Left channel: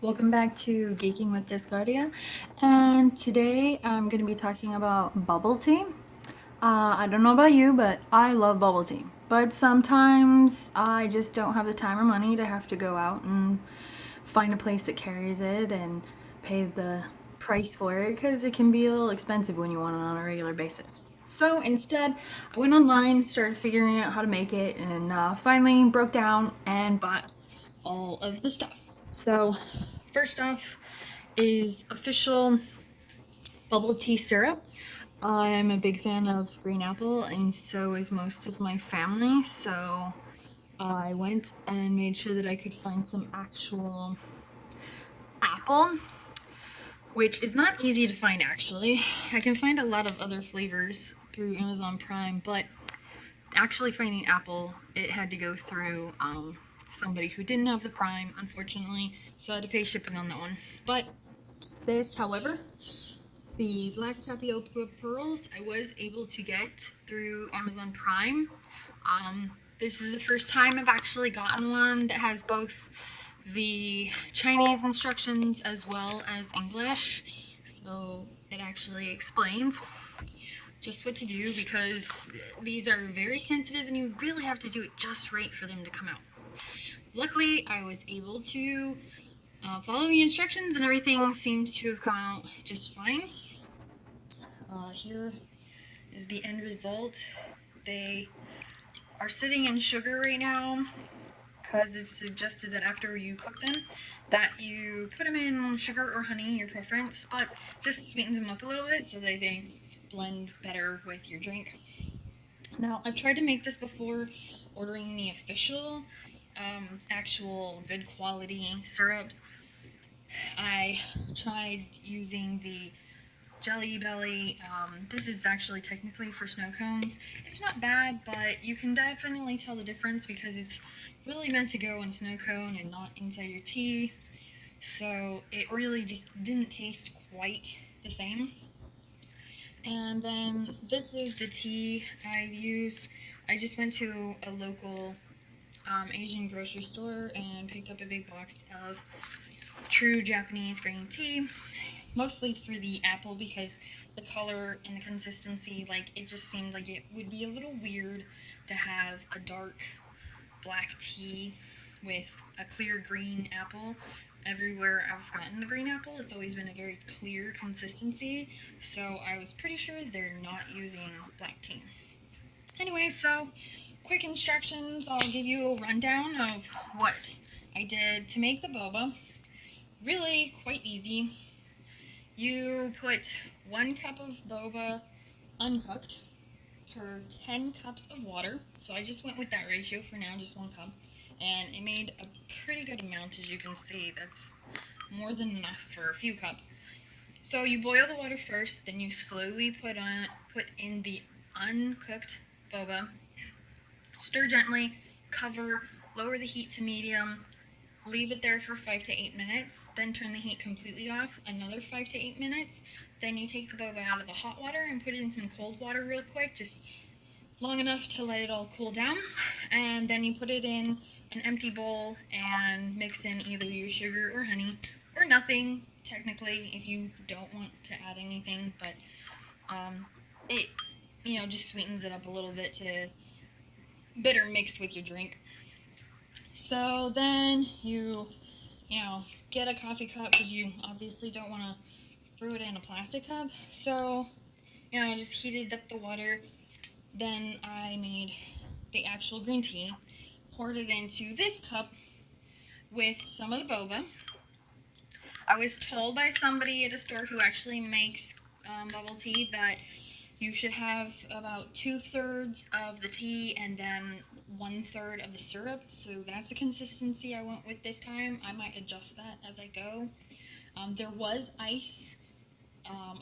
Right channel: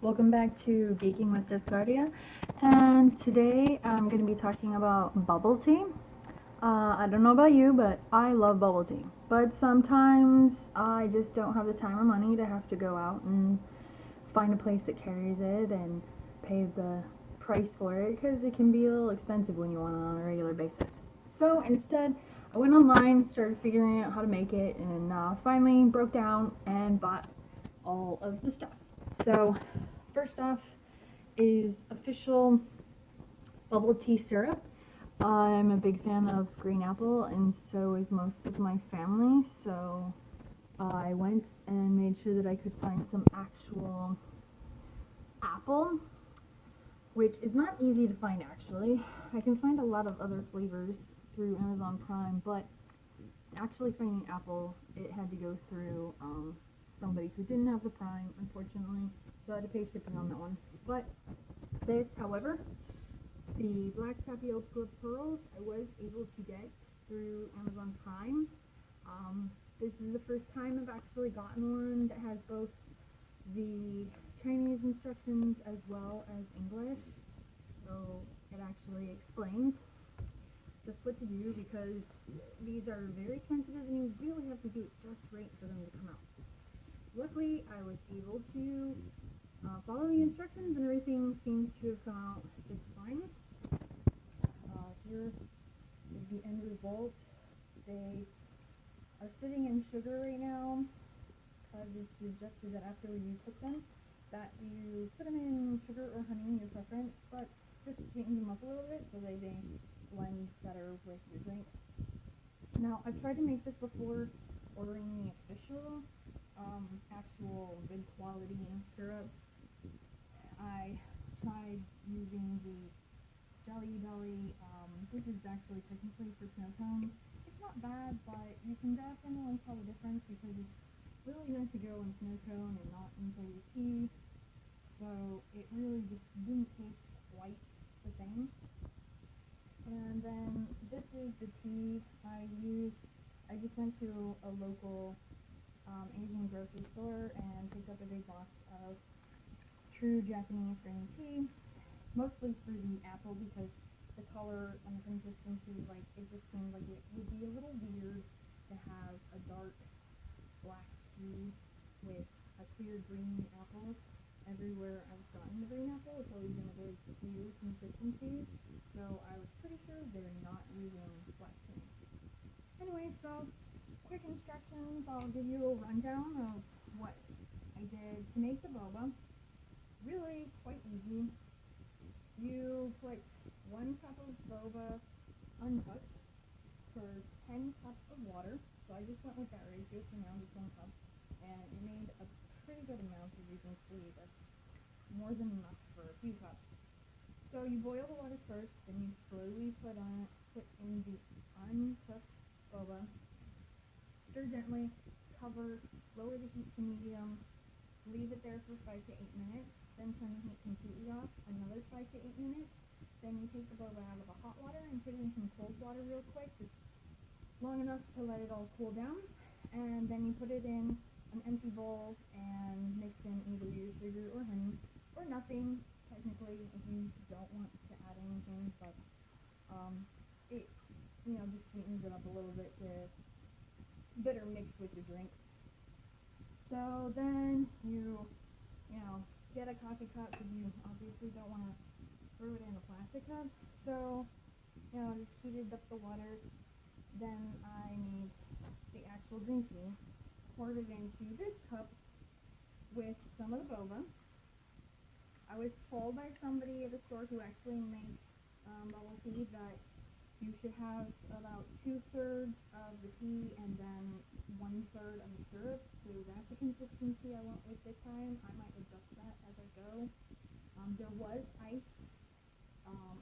Welcome back to Geeking with Discardia, and today I'm going to be talking about bubble tea. I don't know about you, but I love bubble tea. But sometimes I just don't have the time or money to have to go out and find a place that carries it and pay the price for it because it can be a little expensive when you want it on a regular basis. So instead, I went online, started figuring out how to make it, and finally broke down and bought all of the stuff. So, first off is official bubble tea syrup. I'm a big fan of green apple, and so is most of my family. So, I went and made sure that I could find some actual apple, which is not easy to find actually. I can find a lot of other flavors through Amazon Prime, but actually finding apple, it had to go through somebody who didn't have the Prime, unfortunately, so I had to pay shipping on that one. But this, however, the black tapioca pearls, I was able to get through Amazon Prime. This is the first time I've actually gotten one that has both the Chinese instructions as well as English, so it actually explains just what to do because these are very sensitive and you really have to do it just right for them to come out. Luckily, I was able to follow the instructions and everything seems to have come out just fine. Here is the end result. They are sitting in sugar right now because it's suggested that after you cook them that you put them in sugar or honey, your preference, but just sweetens them up a little bit so that they blend better with your drink. Now, I've tried to make this before ordering the official, actual good quality syrups. I tried using the Jelly Belly. This is actually technically for snow cones. It's not bad, but you can definitely tell the difference because it's really meant to go in a snow cone and not inside your tea. So it really just didn't taste quite the same. And then this is the tea I used. I just went to a local Asian grocery store and picked up a big box of true Japanese green tea, mostly for the apple because the color and the consistency, like it just seemed like it would be a little weird to have a dark black tea with a clear green apple. Everywhere I've gotten the green apple, it's always been a very clear consistency, so I was pretty sure they're not using black tea. Anyway, so quick instructions. I'll give you a rundown of what I did to make the boba. Really quite easy. You put 1 cup of boba uncooked per 10 cups of water. So I just went with that ratio for now, just 1 cup. And it made a pretty good amount, as you can see. That's more than enough for a few cups. So you boil the water first, then you slowly put in the uncooked boba. Stir gently, cover, lower the heat to medium, leave it there for 5 to 8 minutes, then turn the heat completely off, another 5 to 8 minutes. Then you take the boba out of the hot water and put it in some cold water real quick, just long enough to let it all cool down. And then you put it in an empty bowl and mix in either your sugar or honey, or nothing, technically, if you don't want to add anything, but it, just sweetens it up a little bit to better mix with your drink. So then you get a coffee cup because you obviously don't want to brew it in a plastic cup. So, just heated up the water. Then I made the actual green tea, poured it into this cup with some of the boba. I was told by somebody at a store who actually makes bubble tea that you should have about 2/3 of the tea and then 1/3 of the syrup. So that's the consistency I went with this time. I might adjust that as I go. There was ice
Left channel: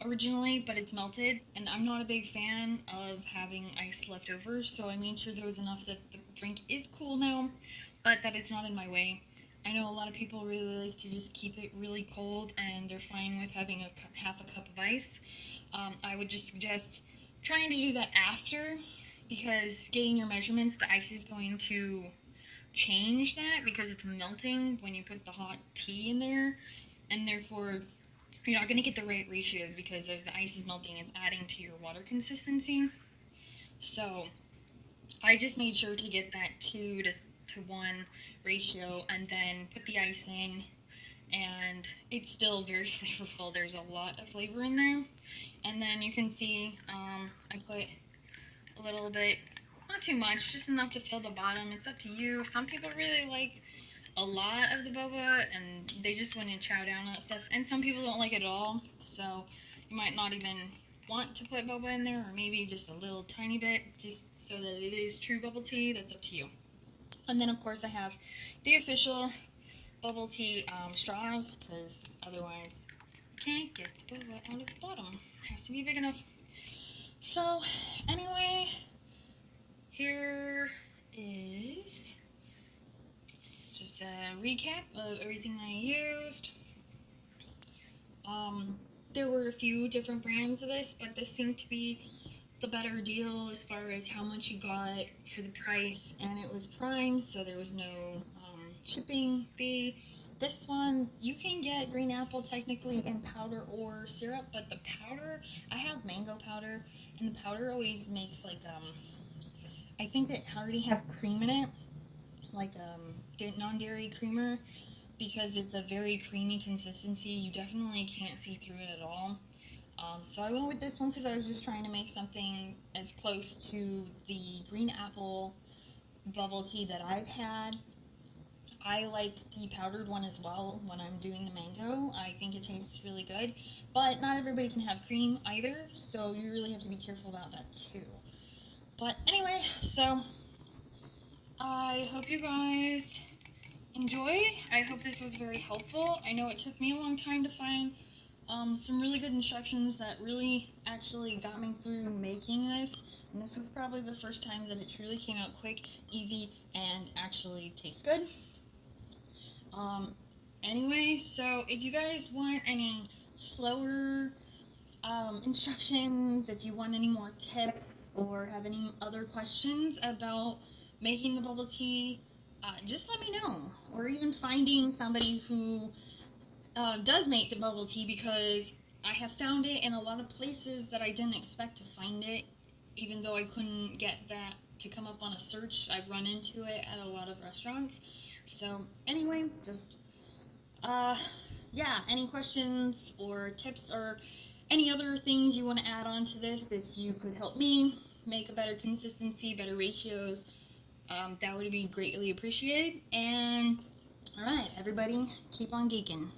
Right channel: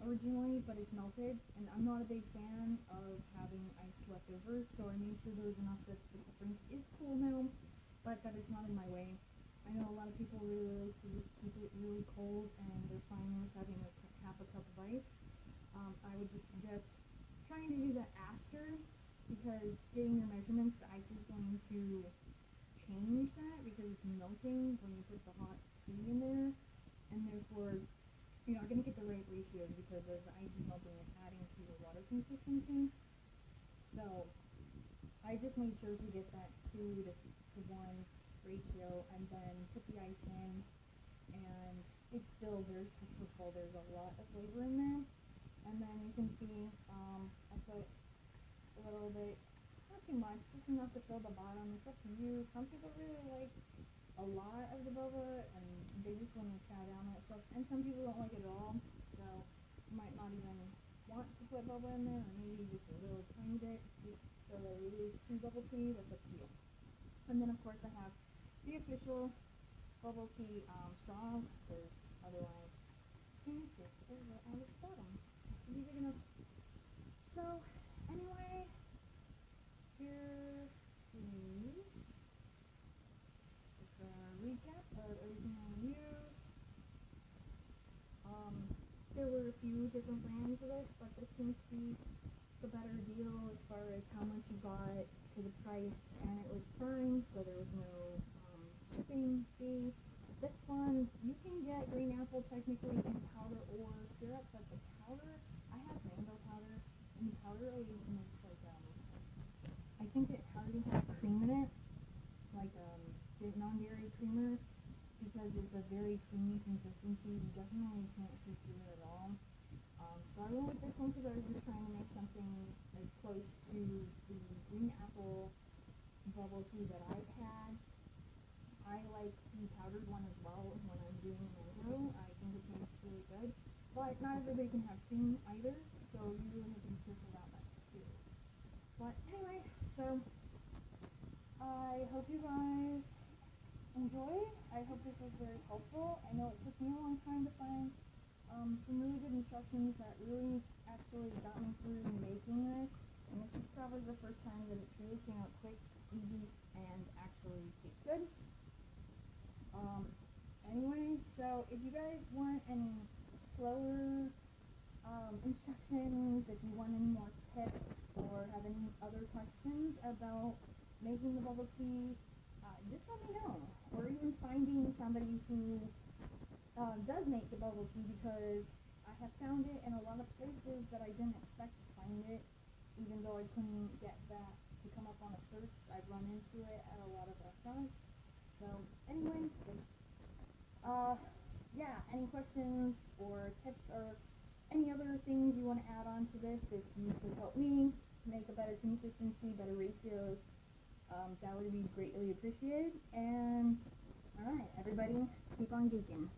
originally, but it's melted, and I'm not a big fan of having ice left over, so I made sure there was enough that the drink is cool now, but that it's not in my way. I know a lot of people really like to just keep it really cold, and they're fine with having half a cup of ice. I would just suggest trying to do that after, because getting your measurements, the ice is going to change that because it's melting when you put the hot tea in there, and therefore you're not going to get the right ratios because as the ice is melting, it's adding to your water consistency. So I just made sure to get that 2-to-1 ratio and then put the ice in, and it's still very flavorful. There's a lot of flavor in there. And then you can see I put a little bit, not too much, just enough to fill the bottom. It's up to you. Some people really like a lot of the boba and they just want to chow down on that stuff, and some people don't like it at all, so you might not even want to put boba in there, or maybe just a little tiny bit just so that it is true bubble tea. That's up to you. And then of course I have the official bubble tea straws, because otherwise you can't get the boba out of the bottom. It has to be big enough. So anyway, here is just a recap of everything I used. There were a few different brands of this, but this seemed to be the better deal as far as how much you got for the price, and it was primed, so there was no shipping fee. This one, you can get green apple technically in powder or syrup, but the powder, I have mango powder, and the powder always makes like, I think it already has cream in it, like non-dairy creamer, because it's a very creamy consistency. You definitely can't see through it at all. So I went with this one because I was just trying to make something as close to the green apple bubble tea that I've had. I like the powdered one as well when I'm doing the mango. I think it tastes really good, but not everybody can have cream either, so you really have to be careful about that too. But anyway, so I hope you guys enjoy. I hope this was very helpful. I know it took me a long time to find some really good instructions that really actually got me through making this, and this was probably the first time that it truly came out quick, easy, and actually tastes good. Anyway, so if you guys want any slower instructions, if you want any more tips or have any other questions about making the bubble tea, just let me know, or even finding somebody who does make the bubble tea, because I have found it in a lot of places that I didn't expect to find it, even though I couldn't get that to come up on a search. I've run into it at a lot of restaurants. So anyway, just yeah, any questions or tips or any other things you want to add on to this, if you could help me make a better consistency, better ratios, that would be greatly appreciated. And alright, everybody, keep on geeking.